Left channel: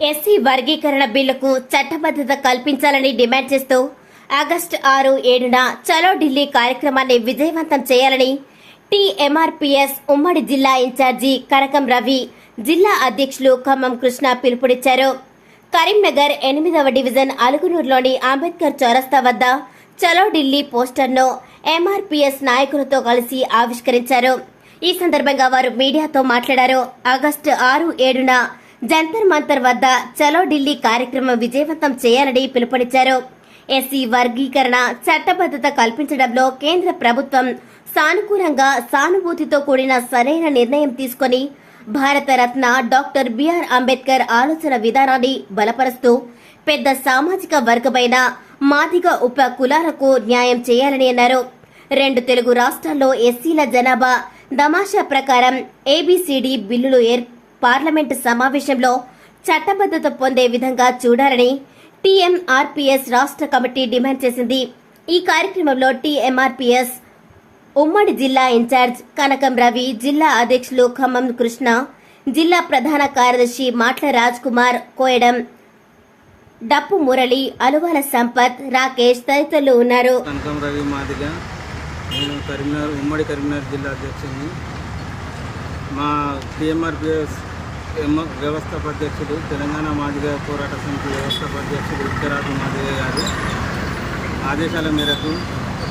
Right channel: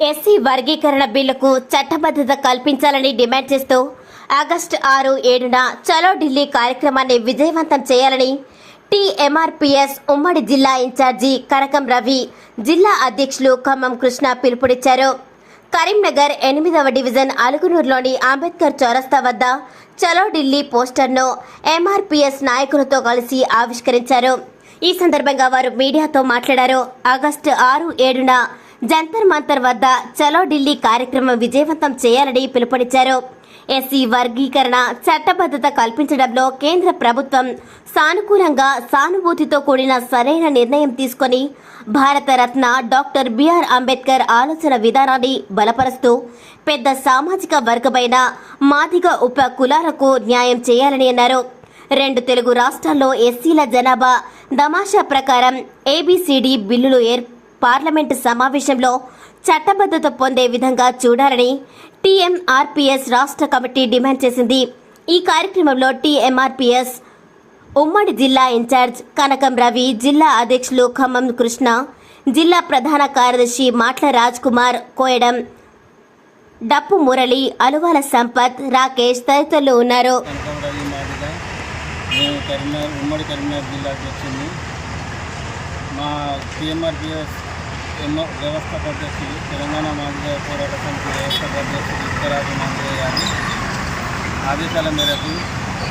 SC వర్గీకరణ బిల్లుకు చట్టబద్దత కల్పించాలని డిమాండ్ చేస్తూ ఆగస్టు ఆరు ఏడున చలో ఢిల్లీ కార్యక్రమాన్ని విజయవంతం చేయాలని టీఎంఆర్పీఎస్ ఉమ్మడి జిల్లా ఇన్ఛార్జి కనకం రవి జిల్లా అధ్యక్షులు ఖమ్మం కృష్ణ పిలుపునిచ్చారు. కరీంనగర్ ఎనిమిదవ డివిజన్ అలుగునూరులోని అంబేద్కర్ చౌరస్తా వద్ద చలో ఢిల్లీ పోస్టర్ను ఎంఆర్పీఎస్ నాయకులతో కలిసి ఆవిష్కరించారు. ఈ సందర్భంగా వారు మీడియాతో మాట్లాడారు. ఆగస్టు ఆరు ఏడున జంతర్ మంతర్ వద్ద చలో ఢిల్లీ కార్యక్రమం విజయవంతం చేయాలని పిలుపునిచ్చారు. ఎస్సీ వర్గీకరణ చట్టబద్దత కల్పించడంలో కేంద్ర ప్రభుత్వం సానుకూలంగా సానుభూతితో కూడిన సరైన నిర్ణయం తీసుకొని భారతరత్న డాక్టర్ బిఆర్ అంబేద్కర్ ఆలోచన విధానాన్ని బలపరుస్తూ పెద్ద సామాజిక వర్గమైన మాదిగ ఉప కులాలకు న్యాయం చేయాలని అన్నారు. రెండు తెలుగు రాష్ట్రాల్లో ఎస్సీల జనాభా దమాషా ప్రకారం ఏబీసీడీ బిల్లులు ఏర్ పార్లమెంటు సమావేశంలో చట్టబద్దత పొందే విధంగా చూడాలని టీఎంఆర్పీఎస్ రాష్ట్ర కమిటీ డిమాండ్ చేసింది. ఈ కార్యక్రమంలో టీఎంఆర్పీఎస్ ఉమ్మడి జిల్లా ఇన్ఛార్జ్ కనకం రవి జిల్లా అధ్యక్షులు ఖమ్మం కృష్ణ జిల్లా ప్రధాన కార్యదర్శి మాట్ల రాజ్ కుమార్ కోయడం. డప్పు మురళి అలువాల సంపత్ రాకేష్ తదితరులు ఉన్నారు. కనకం రవి మాదిగా. నేను కరీంనగర్ ఉమ్మడి కరీంనగర్ జిల్లా అధ్యక్షుడిని. మా టీఎంఆర్పిఎస్ వ్యవస్థాపక అధ్యక్షుడు తెలంగాణ మాదిగ పోరాట సమితి వ్యవస్థాపక అధ్యక్షుడు ఇక్కరాజు మాదిగ గారు ఆదేశాల మేరకు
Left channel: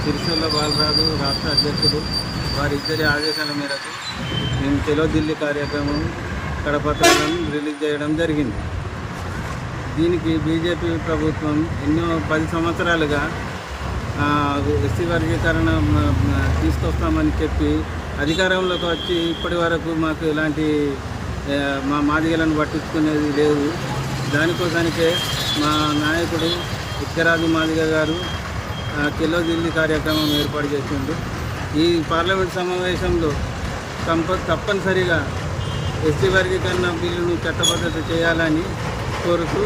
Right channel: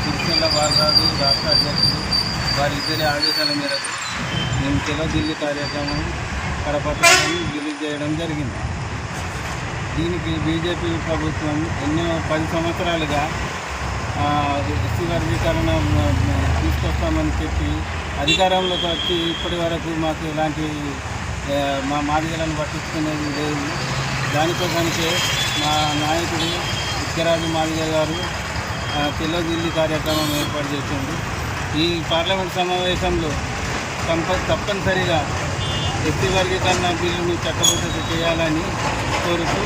సిరిసిల్ల బాలరాజు రాష్ట్ర అధ్యక్షుడు వారి ఇద్దరి ఆదేశాల మేరకు మేము తెలో ఢిల్లీ కార్యక్రమం కడపత్రం రిలీజ్ చేయడం జరిగింది. దీనికి బీజేపీ ప్రభుత్వం ఎన్నో పది సంవత్సరాలుగా ఎస్సీ వర్గీకరణ తీసుకొస్తామని చెప్పి అధికారంలోకి వచ్చి ఇప్పటి వరకు మాకు ఎలాంటి మా మాదిగలను పట్టించుకునేది లేదు. దానికోసానికే మా నాయకుడు ఇక్కరాజు మాదిగ గారు ఆ, ఢిల్లీ కార్యక్రమం ఏర్పాటు చేసిండు. ఈ పార్లమెంట్ సమావేశంలో కంప తప్పనిసరిగా ఎస్సీ వర్గీకరణ బిల్లును చట్టబద్ధత చేయాలని కోరుతూ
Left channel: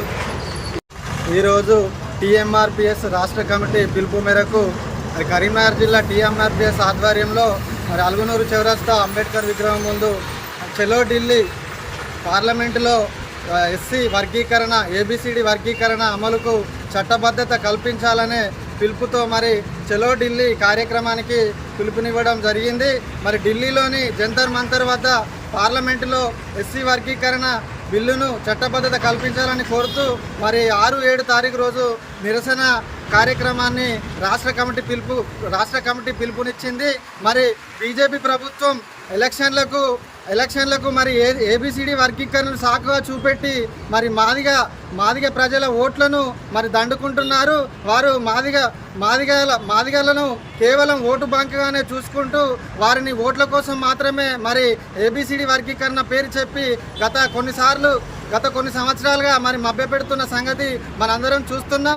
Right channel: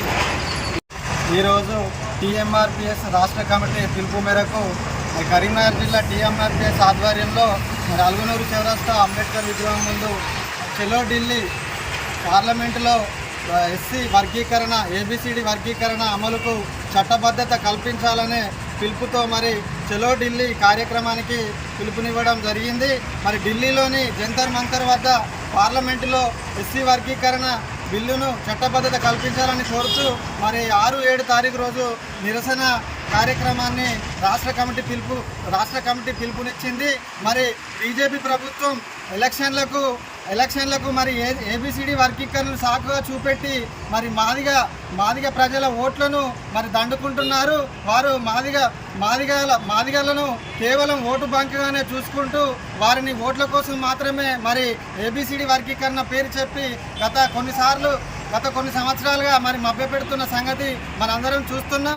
ఈరోజు టీఎంఆర్పిఎస్ రాష్ట్ర కమిటీ పిలుపు మేరకు కరీంనగర్ జిల్లా టీఎంఆర్పిఎస్ ఆధ్వర్యంలో మరి అలుగునూరు చౌరస్తా అంబేద్కర్ విగ్రహం ముందు చెలో ఢిల్లీ పార్లమెంటులో ఎస్సీ వర్గీకరణ ఏబిసిడి వర్గీకరణ అమలుకు చట్టబద్ధత కల్పించాలనే పిలుపుతో మరి చెలో ఢిల్లీ కార్యక్రమానికి పిలుపునివ్వడం జరిగింది. మరి ఢిల్లీలోని జంతర్ మంతర్ వద్ద పార్లమెంటులో ఎస్సీ వర్గీకరణ బిల్లును చట్టబద్ధత కల్పించాలని కోరుతూ మరి ఆరు ఏడు తారీఖు రోజు నిరసన కార్యక్రమాన్ని రాష్ట్ర కమిటీ పిలుపు రాష్ట్ర కమిటీ పిలుపునిచ్చింది. మరి బీజేపీ ప్రభుత్వం ఎలక్షన్లకు ఎలక్షన్లకు మరి ఏ ఏబిసిడి వర్గీకరణను సాకుగా చూపెట్టి మరి మాదిగా మాదిగ ప్రజల ఓట్లను మరి దండుకుంటున్నారు. వారు మాదిగ మాదిగల మాదిగలను కేవలం ఓటు బంక్గానే చూసుకుంటూ వారిని ఓట్ల కోసం మాత్రమే మరి ఏబిసిడి వర్గీకరణ పేరు చెప్పి గత కొన్నిసార్లు గత కొన్ని సంవత్సరాలుగా మరి మభ్యపెడుతున్న సంగతి మనందరం చూస్తున్నాం.